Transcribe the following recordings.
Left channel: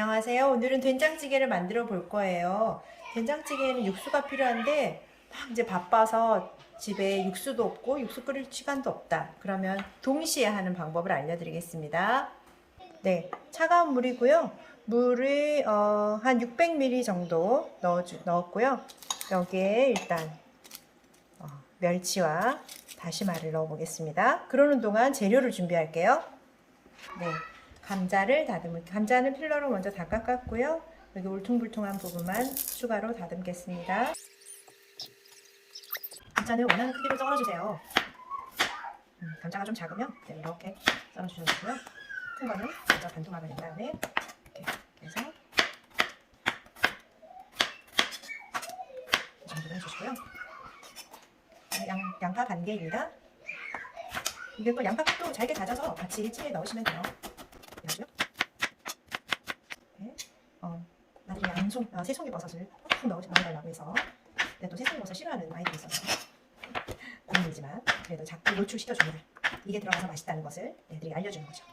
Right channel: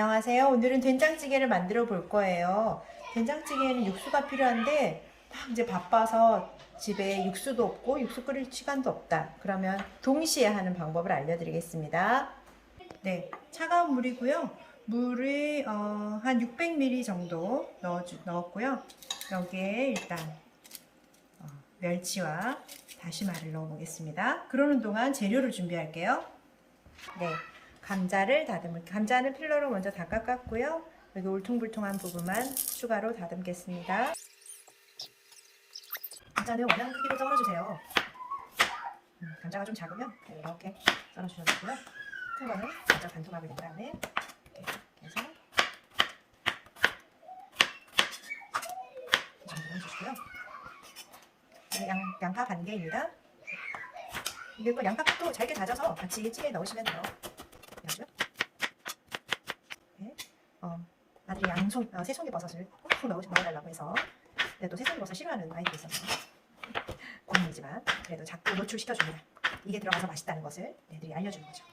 안녕하세요. 오늘은 된장찌개를 만들어 볼 거예요. 된장찌개에는 육수가 필요한데 막 이제 바빠서 집에 육수도 없고 육수 끓일 시간도 없다. 그러면 동시에 하는 방법을 알려드리겠습니다. 네, 차가운 물이고요. 물을 어, 한 600ml 정도 넣어 넣었고요. 여기에 일단 어, 멸치와 다시마를 넣어 보겠습니다. 그러는 동안 재료를 준비할게요. 네, 감자를 다듬을 감자는 필러로 먼저 다 깎았고요. 여기 울퉁불퉁한 부분만 추가로 다듬겠습니다. 감자는 원하는 크기로 썰어주세요. 음, 감자가 좀 작으면 네, 이렇게 썰어주셔도 되고요. 큰 거는 먼저 반통하게 된 다음에 이렇게 해서 이 정도 해주시고요. 양, 양파 반 개입니다. 이게 그 양파도 잘게 다져서 같이 찌에 넣으시면 돼요. 그래가지고 네. 어, 양송, 어, 새송이 버섯을 꼭 넣어, 넣어달라고 해서 근데 또 새송이 버섯 싫어하는 아이들이 있어서 고민이지만 그래도 자꾸 노출시켜줍니다. 이게 들어가서 맛있다는 것을 애들이 알려주는 거죠.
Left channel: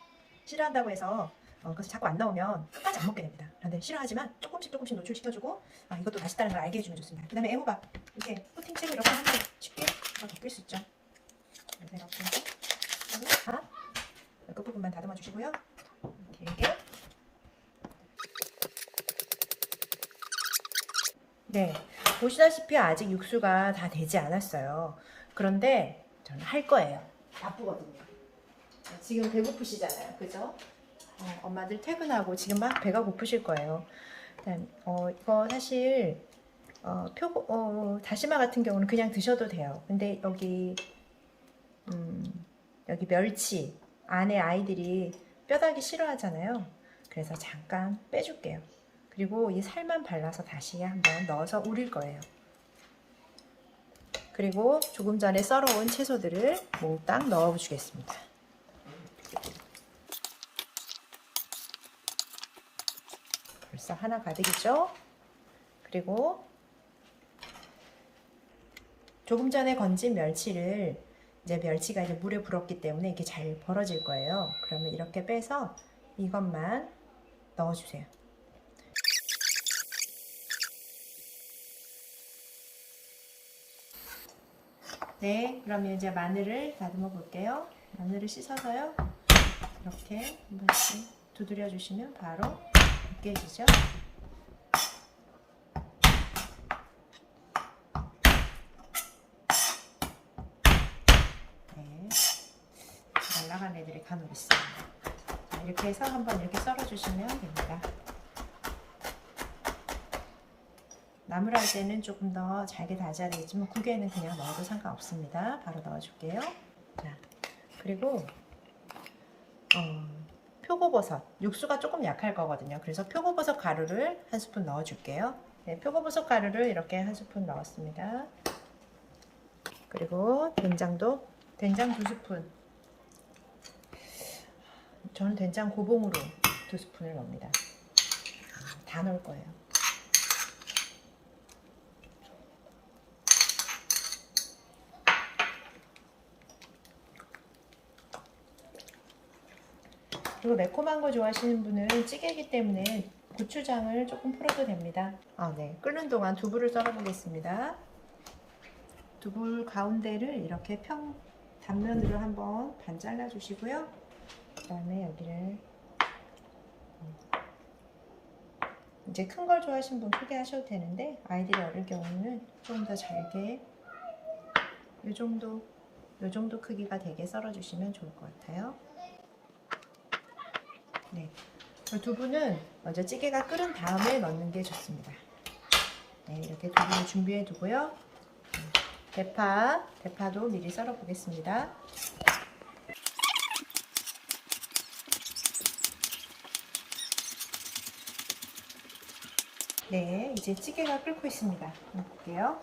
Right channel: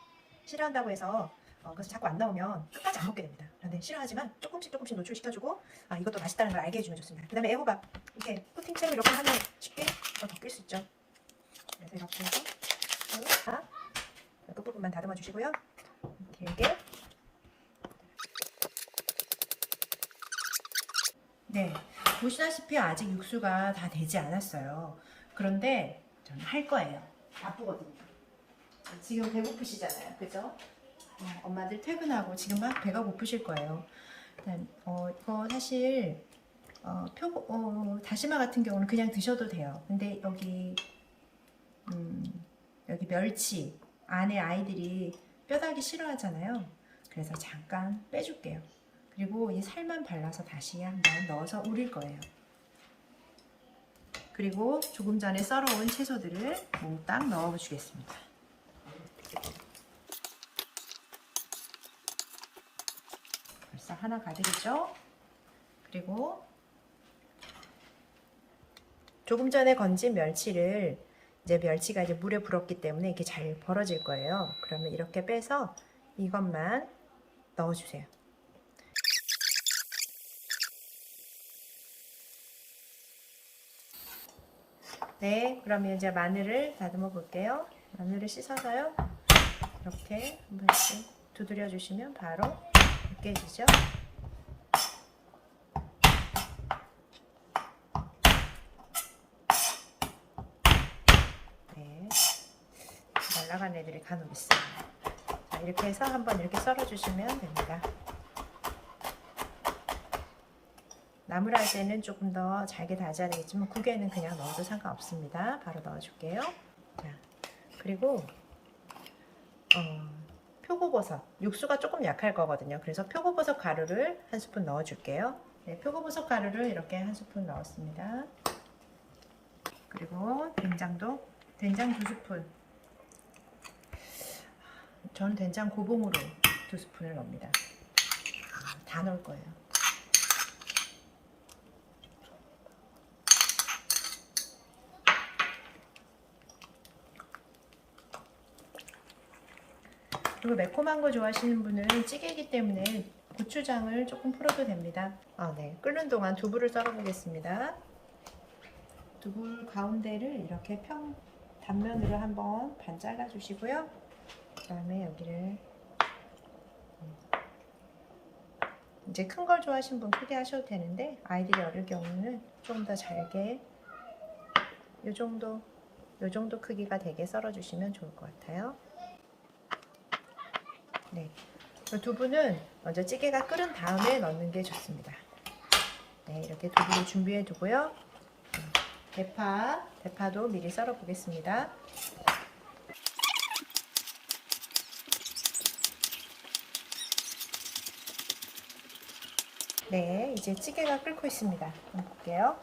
싫어한다고 해서 어, 그래서 자꾸 안 나오면 끝까지 안 먹게 됩니다. 그런데 싫어하지만 조금씩 조금씩 노출시켜주고 아 이것도 맛있다는 걸 알게 해주면 좋습니다. 그 다음에 애호박 이렇게 코팅채로 이렇게 하면 쉽게 더 덮일 수 있죠. 그래서 이렇게 해서 다 끝부분만 다듬어 주시고요. 길게 네, 보시다시피 아직 육수가 다 되지 않았어요. 그런데 저는 할 거예요. 바쁘거든요. 지금 배고프시잖아요. 그죠? 어, 엄마들 퇴근하고 지금 막 배가 고프실 거예요. 일단, 어, 이거 사실, 어, 표, 어, 다시마 같은 경우는 그냥 드셔도 돼요. 근데 여기, 음, 여기 멸치, 안에 아이들이 뼈다귀 싫어하잖아요. 그래서 잠깐 빼줄게요. 그리고 이 살만 발라서 다시 한번 넣어서 우릴 거예요. 그리고 조금 전에 썰어온 채소들을 몽땅 넣어주겠습니다. 벌써 하나 가득이죠? 그리고 조금 전에 건진 멸치를 이제 멸치가 이제 물에 불었기 때문에 이렇게 잘 벌어질 거예요. 그러면 이렇게 빼서 이것만 넣어주세요. 네, 그러면 이제 마늘을 다듬어 볼게요. 마늘을 씻어서요. 이렇게 한 번씩 두드려 주시면 바로 으깨지죠. 네, 날라간 애들이 간혹 있어요. 자, 이렇게 해서 한번 이렇게 썰어 주시면 됩니다. 나물 할 때는 조금 더 잘게 다져야 되겠지만 국에는 그냥 넣어도 상관없습니다. 바로 넣어줄게요. 자, 그리고 어, 표고버섯 육수가 조금 약할 거거든요. 그래서 표고버섯 가루를 한 스푼 넣어줄게요. 네, 표고버섯 가루를 이렇게 한 스푼 넣었습니다. 그리고 된장도 된장 두 스푼. 저는 된장 고봉으로 두 스푼을 넣습니다. 다 넣을 거예요. 그리고 매콤한 거 좋아하시는 분은 찌개이기 때문에 고추장을 조금 풀어도 됩니다. 아, 네. 끓는 동안 두부를 썰어 보겠습니다. 두부 가운데를 이렇게 평 단면으로 한번 반 잘라 주시고요. 그 다음에 여기를 음, 이제 큰 걸 좋아하시는 분 크게 하셔도 되는데 아이들이 어릴 경우는 조금 더 잘게 이 정도 이 정도 크기가 되게 썰어 주시면 좋을 것 같아요. 네. 두부는 먼저 찌개가 끓은 다음에 넣는 게 좋습니다. 네, 이렇게 두부를 준비해 두고요. 대파, 대파도 미리 썰어 보겠습니다. 네, 이제 찌개가 끓고 있습니다. 볼게요.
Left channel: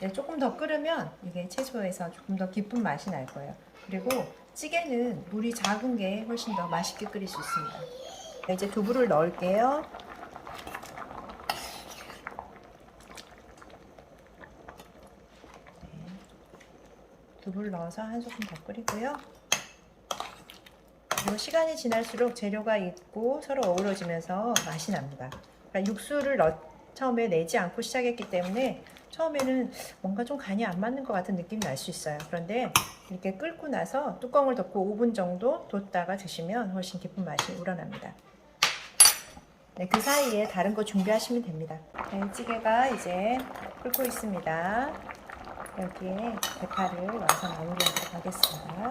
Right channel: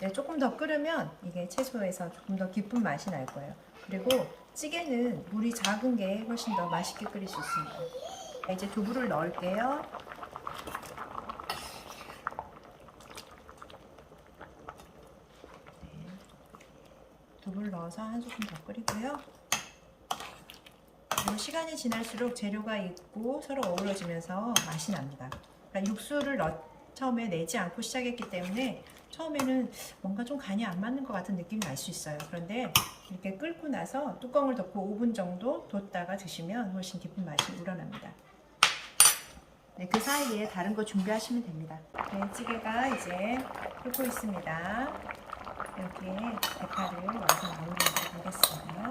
네, 조금 더 끓으면 이게 채소에서 조금 더 깊은 맛이 날 거예요. 그리고 찌개는 물이 작은 게 훨씬 더 맛있게 끓일 수 있습니다. 네, 이제 두부를 넣을게요. 네, 두부를 넣어서 한 소끔 더 끓이고요. 그리고 시간이 지날수록 재료가 있고 서로 어우러지면서 맛이 납니다. 그러니까 육수를 넣, 처음에 내지 않고 시작했기 때문에 처음에는 뭔가 좀 간이 안 맞는 것 같은 느낌이 날 수 있어요. 그런데 이렇게 끓고 나서 뚜껑을 덮고 5분 정도 뒀다가 드시면 훨씬 깊은 맛이 우러납니다. 네, 그 사이에 다른 거 준비하시면 됩니다. 네, 찌개가 이제 끓고 있습니다. 여기에 대파를 완성 올리도록 하겠습니다.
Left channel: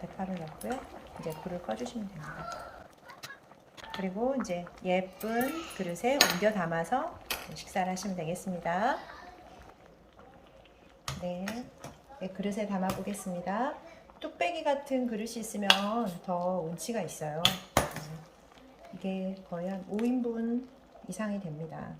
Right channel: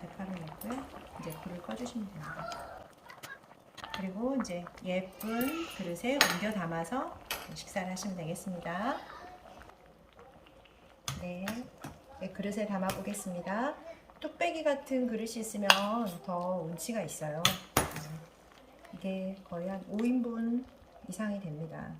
대파를 넣고요. 이제 불을 꺼주시면 됩니다. 그리고 이제 예쁜 그릇에 옮겨 담아서 식사를 하시면 되겠습니다. 네, 네, 그릇에 담아 보겠습니다. 뚝배기 같은 그릇이 있으면 더 운치가 있어요. 네, 이게 거의 한 5인분 이상이 됩니다.